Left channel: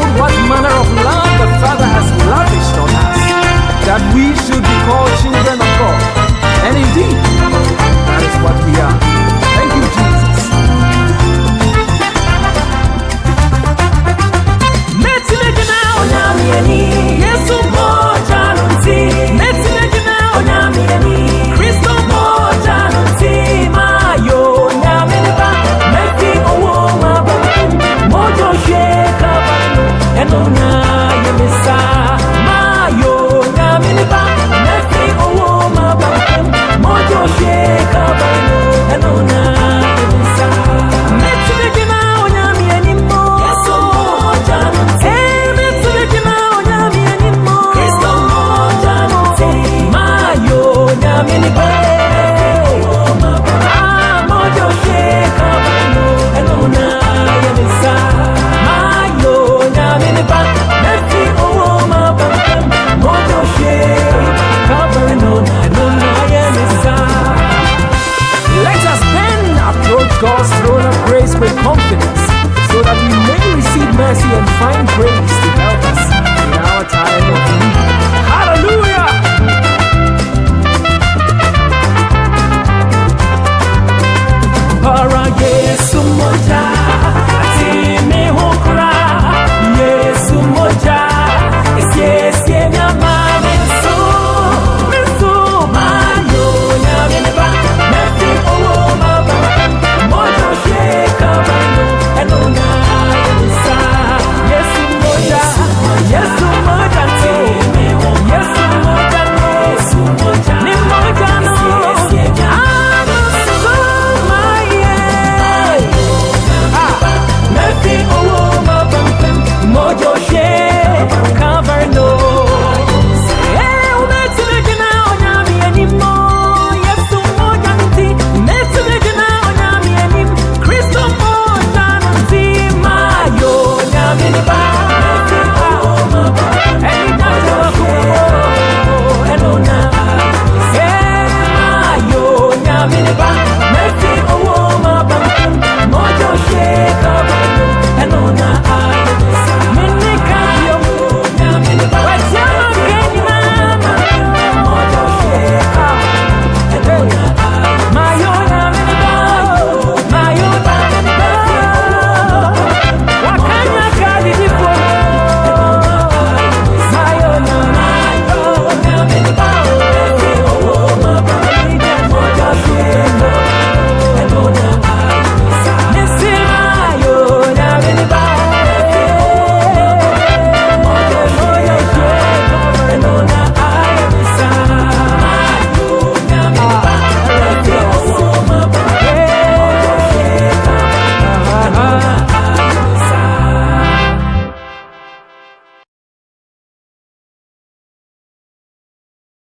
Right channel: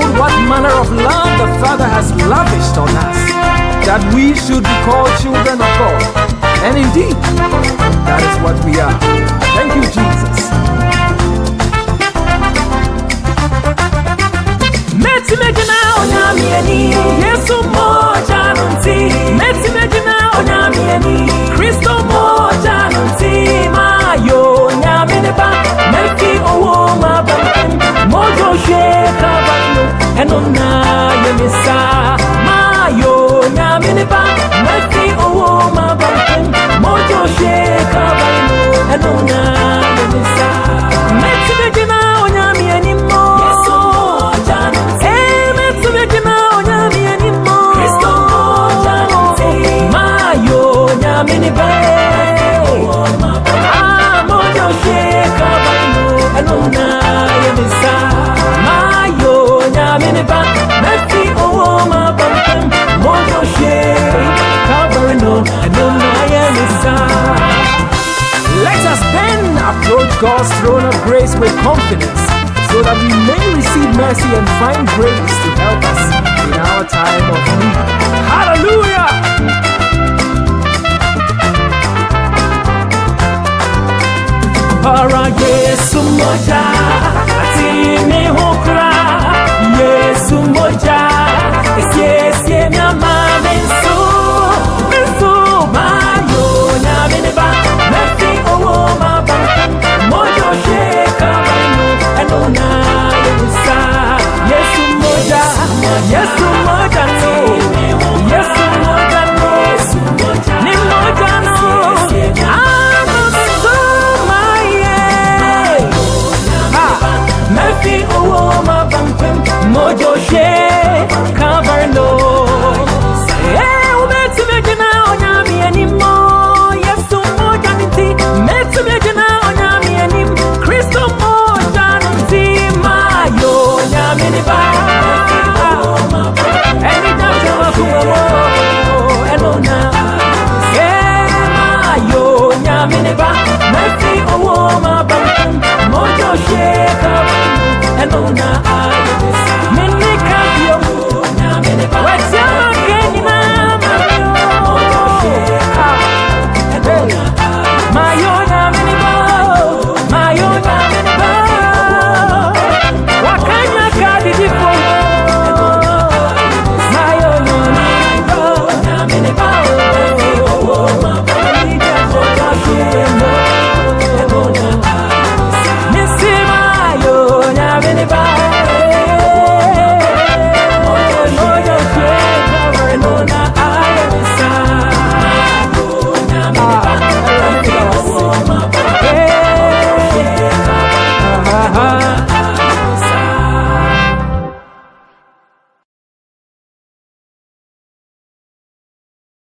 behold what manner of love the Father has lavished on us, that we should be called children of God. And indeed, that is what we are. Thank you, Jesus. Kristo moja nunti mayo nyamineba mefi owo mabankum mojo sheka balno enona yemisa mayo nyamineba mefi owo mabankum mojo sheka balno enona yemisa metibegina onyamieni mo yeso moja nunti metibegina onyamieni mo Kristo moja nunti mayo nyamineba mojo sheka balno enona yemisa mayo nyamineba mefi owo mabankum mojo sheka balno enona yemisa. Let us then approach God's throne of grace with confidence, so that we may receive mercy and find grace to help us in our time of need. Hallelujah! Para Yesu moja ati mi hokra Yesu moja esiesie nyama minsu mayo nyamineba mefi owo mabankum mojo sheka balno enona yemisa Yesu moja no Yesu moja no ni moja no mefi owo mabankum mojo sheka balno umetibegina onyami animo Yesu moja nti metibegina onyami anim Kristo moja nti mayo nyami ni ba eni jaje wakuwa enona mayo nyami ni ba